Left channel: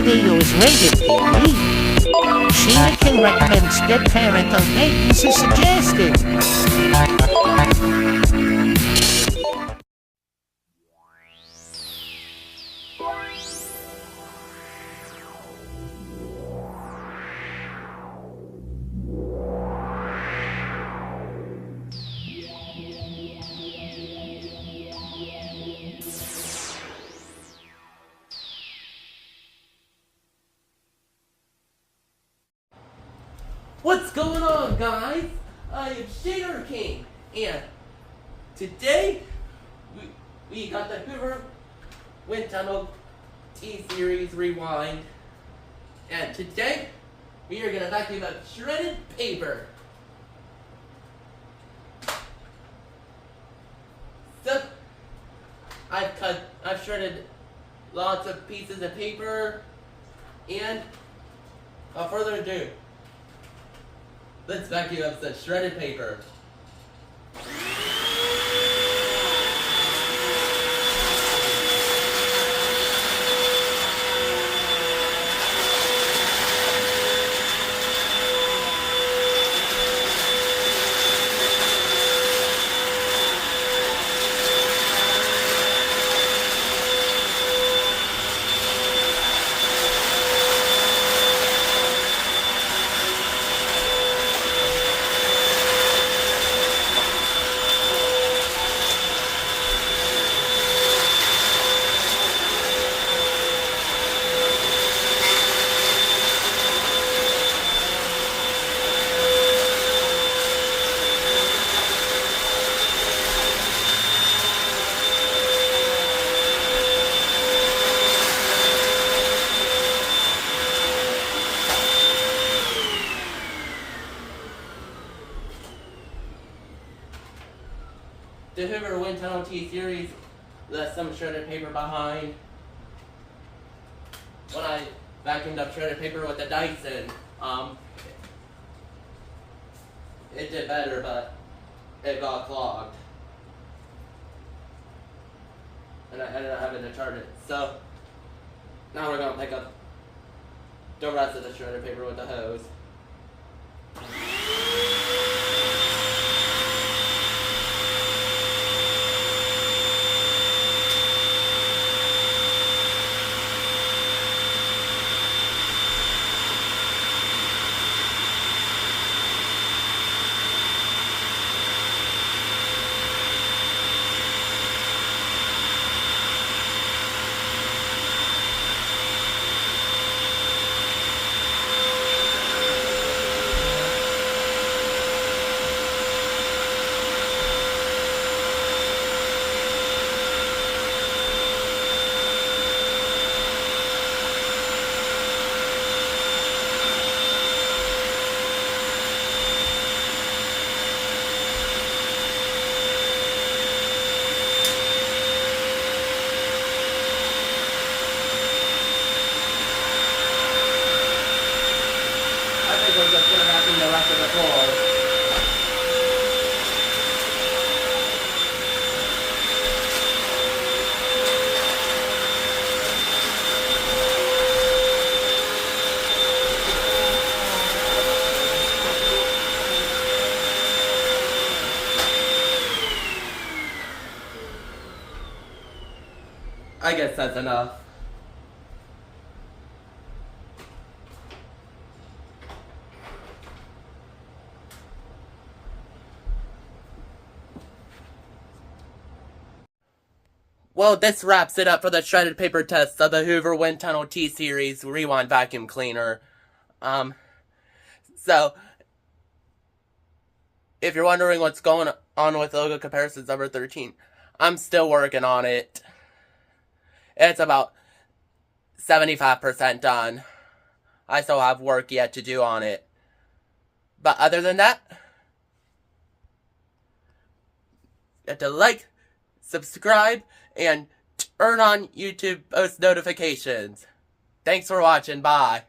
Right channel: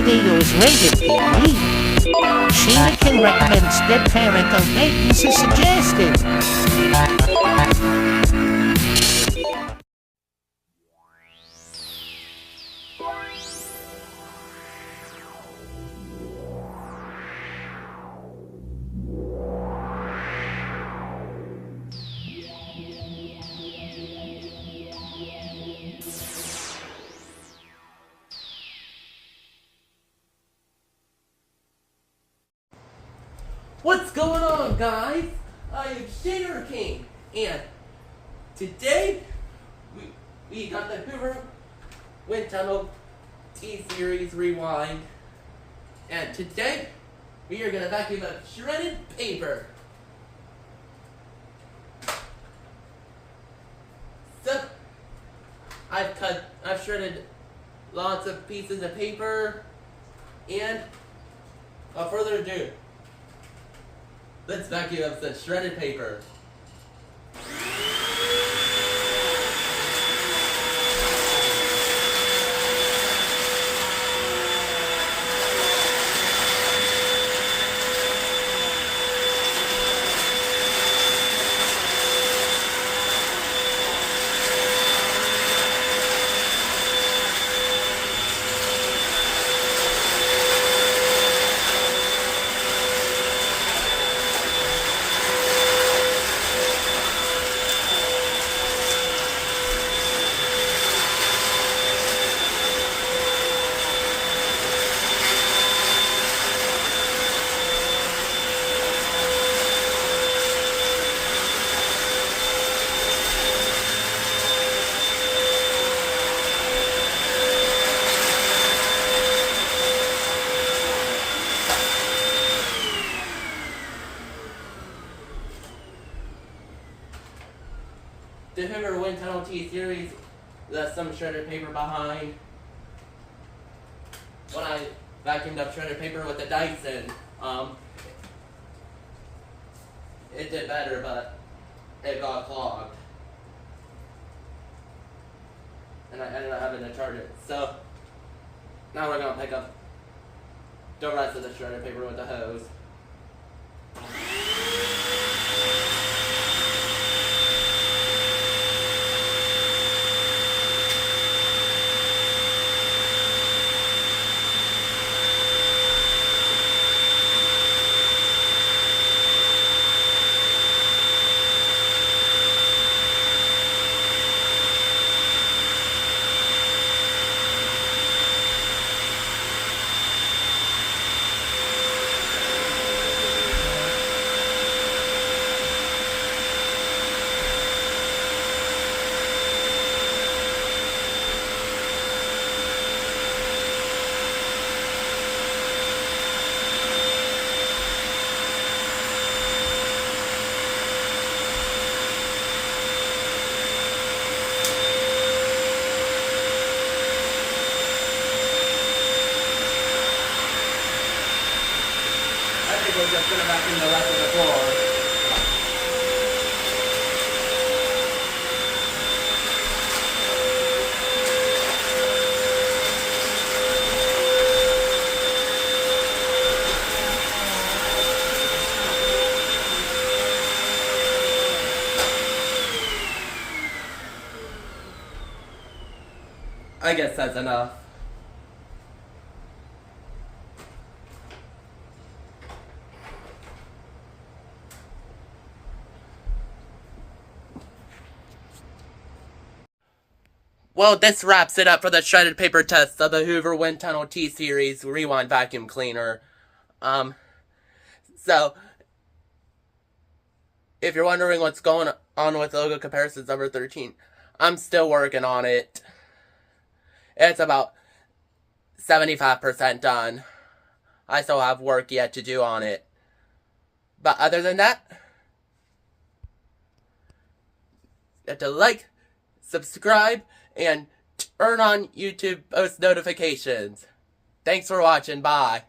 video is rated PG. Sheena can recommend strict parental guidance is suggested. What's going on, guys? I am Shader King, and today we got the Hoover Windtinnel T-Series Rewind, and today we are gonna vacuum up shredded paper. So I've shredded lots of pieces of paper, and without further ado, let's vacuum up some shredded paper. The Hoover Windtinnel T-Series left some shredded paper behind. When I vacuumed up shredded paper with the Dyson, it did better, but it got clogged. And I ended up having to turn it. So, now we're going to pick up the rest of the shredded paper with the hose. We're just gonna vacuum the rest of the floor. I guess that's enough. Well, this wraps it up for the shredded paper test of the Hoover Windtinnel T-Series Rewind Vacuum Cleaner. So, if you're wondering what's going on with logo comparisons number 13, I'm still working on it. It's about 75% done. I still have work yet to do on it. But other than that, you have to like, subscribe, and turn on YouTube post notifications. Thanks for watching. Bye.